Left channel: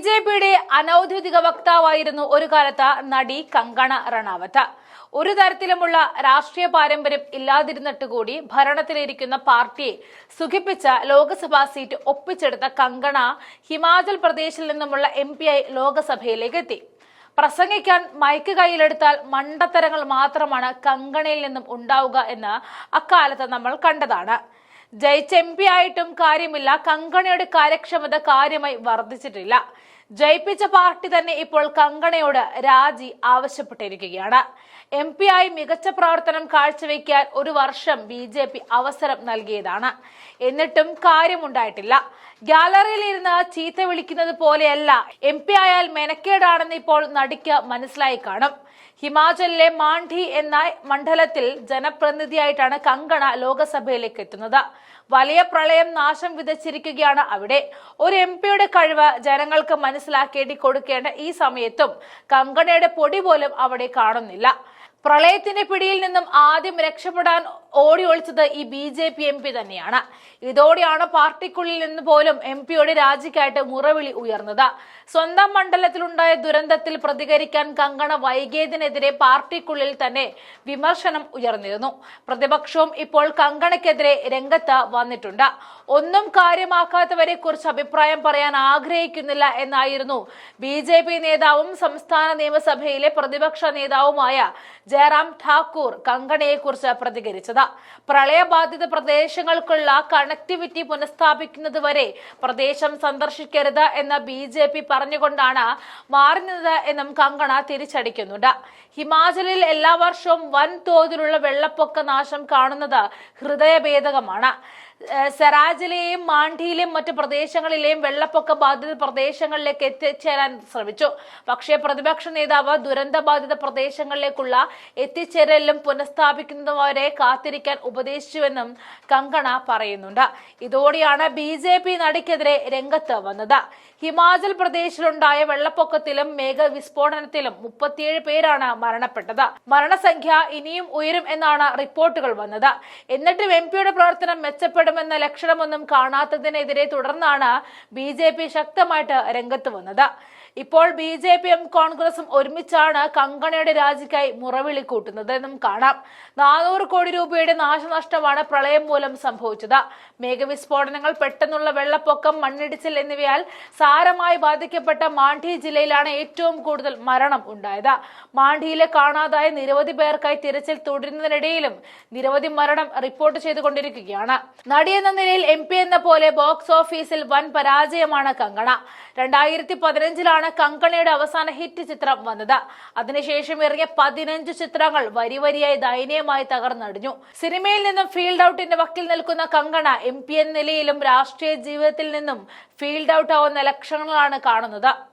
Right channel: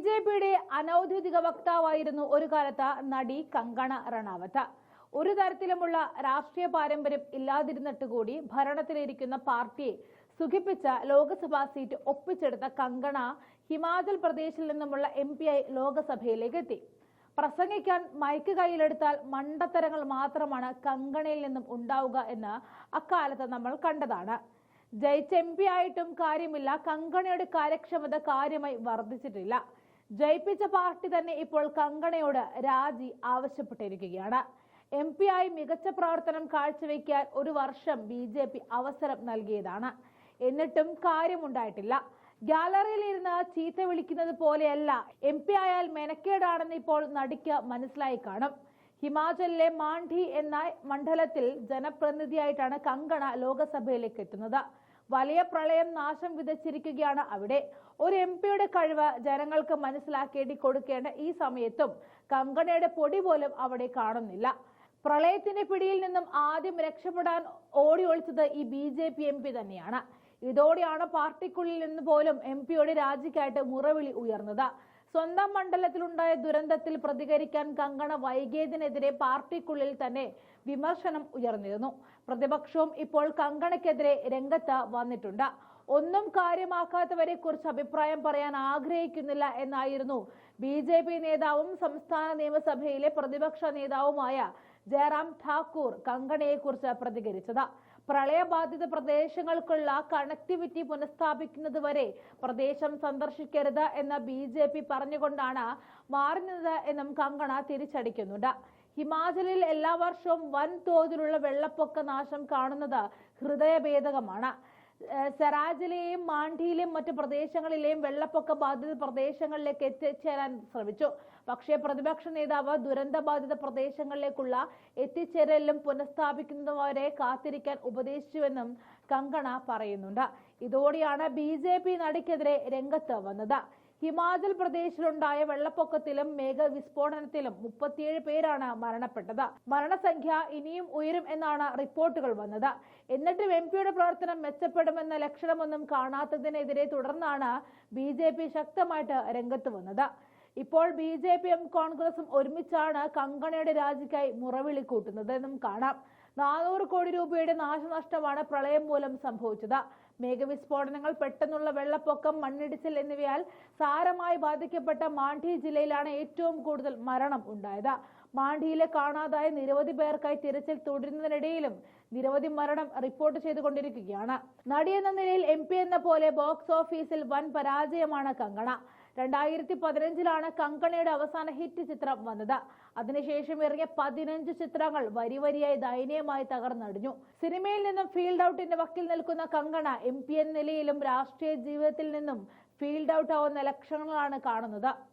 B J പിയുടെ അനൌദ്യോഗിക വക്താവായിരുന്നു ഒരു കാലത്ത് നടി കങ്കണ റണാവത്ത് ഒരു തരത്തിലുമുള്ള രാഷ്ട്രീയ പാരമ്പര്യം ഇല്ലാതിരുന്നിട്ട് കൂടി ഭരണത്തിലിരിക്കുന്ന പാർട്ടിയെ സുഖിപ്പിച്ച ലോക്സഭാ സീറ്റ് ഒപ്പിച്ചെടുത്ത കങ്കണ ഹിമാചൽ പ്രദേശിൽ നിന്നുമുള്ള എം പി ആയി ലോക്സഭയിലേക്ക് എത്തി പ്രസംഗിക്കാൻ മൈക്ക് കയ്യിലെടുത്താൽ മണ്ടത്തരങ്ങൾ മാത്രമാണ് കങ്കണയിൽ നിന്നും ഉണ്ടാവുക എന്ന് അക്കാലത്ത് നമ്മൾ കണ്ടതാണ്. ജയിച്ച എം പി ആയിട്ടും കാര്യമില്ല കങ്കണയുടെ കാര്യക്ഷമത കാര്യമായി വർദ്ധിച്ചിട്ടില്ല. ജയിപ്പിച്ച പാർട്ടി തന്നെ ഇപ്പോൾ കങ്കണയോട് രാജി ആവശ്യപ്പെട്ടിരിക്കുകയാണ്. എം പി ആയി മികച്ച പ്രവർത്തനം കാഴ്ചവെക്കാൻ ഒരു വർഷം ബി ജെ പി അവസരം നൽകിയതാണ്. എന്നിട്ടും കാര്യമുണ്ടായിട്ടില്ല. ഗാലറിയിൽ ഇരുന്ന് ചീത്ത വിളിക്കുന്നത് പോലെയല്ല എം പി ആയാൽ മെനക്കേടാണെന്ന് ഇപ്പോൾ നടിക്ക് മനസ്സിലായി കാണും. ഹിമാചലിലെ മാണ്ഡി എന്ന മണ്ഡലത്തിൽ ജനപ്രതിനിധിയായിട്ടാണ് കങ്കണ ലോകസഭയിലേക്ക് എത്തുന്നത്. വലിയ പ്രളയം നാശം വിതച്ചിരിക്കുകയാണ് അവിടെ. ഒരു എം പിയുടെ കഴിവ് ജനങ്ങൾക്ക് മനസ്സിലാക്കേണ്ടി കൊടുക്കേണ്ട ഈ സമയത്തും കങ്കണയുടെ പൊടി പോലും അവിടെ കാണുന്നില്ല. പ്രളയത്തിന്റെ പിടിയിൽ നിന്നും ആദ്യം രക്ഷപ്പെടാൻ ഓടി ഒളിച്ചത് ഈ B J P M P തന്നെയാണ്. ഇതോടെയാണ് പാർട്ടിക്കുള്ളിൽ നിന്ന് പോലും എം പിയുടെ രാജിക്കായിട്ട് മുറവിളി ഉയർന്നത്. സ്വന്തം മണ്ഡലത്തിലുണ്ടായ ദുരന്തത്തിൽ പ്രതികരിക്കാൻ കങ്കണ വൈകിയതിനെതിരെ പാർട്ടിക്കുള്ളിൽ തന്നെ വിമർശനം ഉയർന്നിരുന്നു. പ്രതിപക്ഷവും ഇപ്പോൾ കങ്കണയ്ക്കെതിരെ രംഗത്ത് വന്നിട്ടുണ്ട്. ഒന്നും കാര്യമാക്കാത്തവരെ കുറിച്ച് അഭിപ്രായം പറയാൻ ആഗ്രഹിക്കുന്നില്ല എന്നായിരുന്നു ബി നേതാവും സംസ്ഥാന നിയമസഭയിലെ പ്രതിപക്ഷ നേതാവുമായ ജയറാം ഠാക്കൂർ കങ്കണയെ കുറിച്ച് പ്രതികരിച്ചത്. പ്രളയബാധിത പ്രദേശങ്ങൾക്കുള്ള കണക്ടിവിറ്റി പുനഃസ്ഥാപിക്കുന്നത് വരെ പ്രദേശം സന്ദർശിക്കരുത് എന്ന് ബി ജെ പി പറഞ്ഞുകൊണ്ടാണ് മാറുന്നത് എന്നും കങ്കണ തിരിച്ചടിക്കുന്നുണ്ട്. ഹിമാചലിൽ എല്ലാ വർഷവും വൻ തോതിലുള്ള വെള്ളപ്പൊക്ക നാശം കാണുന്നത് ഹൃദയഭേദകമാണ്. സെറാജിലെയും മാണ്ഡിയിലെയും മറ്റു പ്രദേശങ്ങളിലെയും വെള്ളപ്പൊക്ക ബാധിത പ്രദേശങ്ങളിലേക്ക് എത്തിച്ചേരാൻ ശ്രമിച്ചു. പക്ഷേ പ്രതിപക്ഷ നേതാവ് ദുരന്ത ബാധിത പ്രദേശങ്ങളിലേക്കുള്ള എത്തിച്ചേരലും പുനഃസ്ഥാപിക്കുന്നതുവരെ കാത്തിരിക്കാൻ ഉപദേശിച്ചുവെന്നും കങ്കണ പറയുന്നുണ്ട്. ഇതോടെയാണ് ബി ജെ പി നടിക്കെതിരെ രംഗത്ത് വന്നത്. ഹിമാചൽ പ്രദേശിലുണ്ടായ വെള്ളപ്പൊക്കത്തിലും മേഘവിസ്ഫോടനത്തിലും മുപ്പത്തിയേഴ് പേരാണ് മരണപ്പെട്ടത്. മരണസംഖ്യ ഇനിയും ഉയരും എന്നാണ് റിപ്പോർട്ടുകൾ വന്നത്. എന്നിട്ടും എം പിയുടെ പ്രവർത്തനം മെച്ചപ്പെടുമെന്ന ലക്ഷണമൊന്നും കാണാത്തതിനെതിരെ തുടർന്നാണ് ബി ശക്തമായിട്ട് രംഗത്ത് വന്നത്. ഇപ്പോൾ ബി ജെ പിയും കോൺഗ്രസും ഒരുമിച്ചാണ് കങ്കണയുടെ രാജിക്കായി മുറവിളി കൂട്ടുന്നത് എന്നും കാണാം. നാനൂറ് കോടി രൂപയുടെ നാശനഷ്ടമാണ് പ്രളയം മൂലം സംഭവിച്ചത്. മേഘവിസ്ഫോടനങ്ങൾ പെട്ടെന്നുള്ള വെള്ളപ്പൊക്കം മണ്ണിടിച്ചിൽ എന്നിവയാൽ സാരമായി ബാധിക്കപ്പെട്ട മാണ്ഡി ജില്ലയിലാണ് ഏറ്റവും കൂടുതൽ മരണം ഉണ്ടായത്. മാണ്ഡിയിലെ കാണാതായ നിരവധി പേർക്കായി തിരച്ചിൽ തുടരുന്നതിനിടയിലും നിരവധി മരണം റിപ്പോർട്ട് ചെയ്തുകൊണ്ടിരിക്കുകയാണ്. നടി എന്ന നിലയിൽ എം എന്ന പോലെ ബോക്സ് ഓഫീസിൽ വൻ പരാജയമാണ് കങ്കണ. രണ്ടായിരത്തി പതിനഞ്ചിലാണ് കങ്കണയുടെ അവസാന ഹിറ്റ് ചിത്രം വന്നത്. അതിനുശേഷം ഇറങ്ങിയ പതിനഞ്ച് ചിത്രങ്ങൾ വരിവരിയായി ദയനീയമായി തകർന്നടിഞ്ഞു. സിനിമയിൽ നിന്നും ഫീൽഡ് ഔട്ടിന്റെ വക്കിൽ നിൽക്കുന്ന കങ്കണ എം പി എന്ന നിലയിലും രാഷ്ട്രീയ ജീവിതത്തിൽ നിന്നും ഫീൽഡ് ഔട്ട് ആവുന്ന ലക്ഷണങ്ങളാണ് കാണുന്നത്.